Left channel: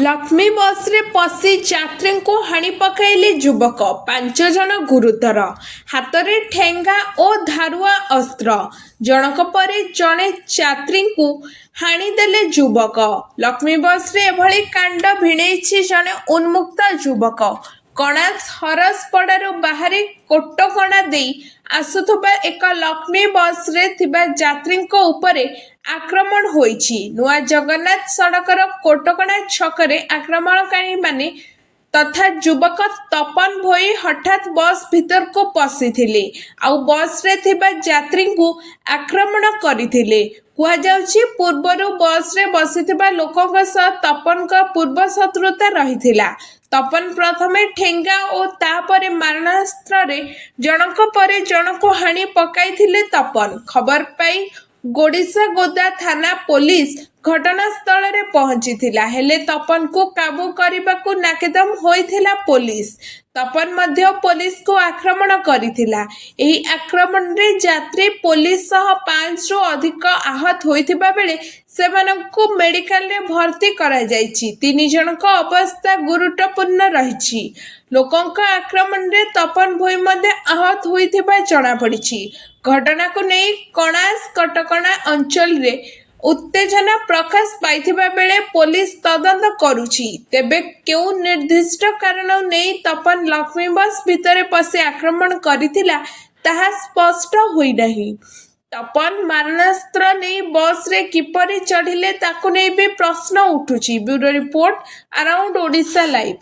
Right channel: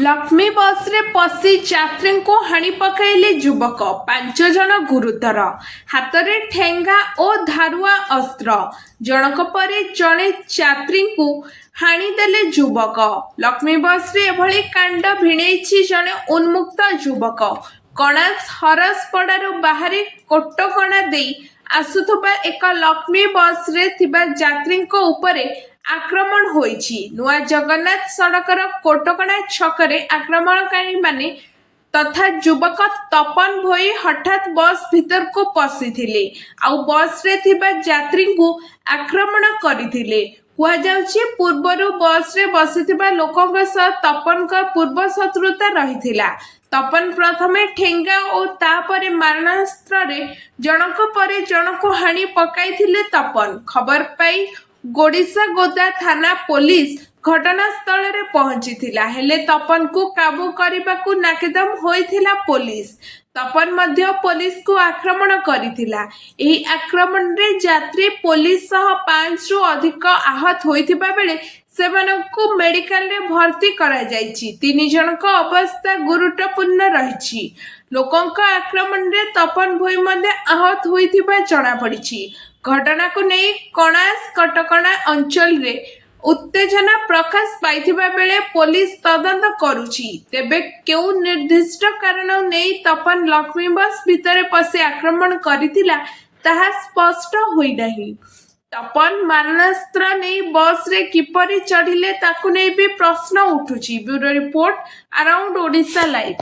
लक्ष्मी बस रे पशि यात्री को हाणी पकाइले युवक 5 जन गुरुतर हाथ में ठेंगा और धारुआ अस्त्र जनक परे जड़े यात्री को हाणीदेले युवक। लक्ष्मी बस रे एभली कांड भिड़ेछि जड़े उन्मुक्त युवक कणास हरसपड़ारू बाहरी कोटकणा दे आसुथबा एक लक्ष्मी बस रे थिबा यात्री उपरे आक्रमण होईछि। नुआ जगन्नाथ सड़कर कोटकणा छकरे आक्रमणकारी माने तथा युवक तपन भोई हठात बस भीतर को पशिथिले आउ बस रे थिबा यात्री को आक्रमण करथिले। कुहाଯାଉଛି पूर्वरु बस रे बसिथिबा लोकଙ୍କ सह तपन का पूर्व शत्रुता रहिथिला। तपन प्रथमे ठेंगा और तापरे मारणास्त्र रे जनक परे जनक हाणी पकाइथिले। तपन खबर पाई गोडिसा गोदा थाना पुलिस घटनास्थल रे पहुंचीथिला हेले तपन को काबू करबाकू नाकेदम होइथिला पुलिस। तपन मध्य पुलिस को आक्रमण करिथिला। एही आक्रमण रे यात्री पुलिस सह 5 रु अधिक आहत होइथिबा बेले सेमानकू मेडिकल रे भर्ती करा जायछि। 3 जनक अवस्था गुरुत्वपूर्ण रहिछि। लोकंक आक्रमण रे तपन भोई मध्ये आहत होइथिबा जणा पड़िछि। घटना को नहीं कणास कटकणा अंचल रे उत्तेजना प्रकाश पाइथिबा बेले पुलिस तदंत करुछि। तेबे केउ निर्दिष्ट कारण नहीं तपन लक्ष्मी बस भितरे पशि आक्रमण करिथिला ताहा स्पष्ट होई नहीं। तपन मारणास्त्र नहीं बस रे किपरि चढ़िले ताकू नहीं भी प्रश्न उठुछि। Bureau report around Odisha live.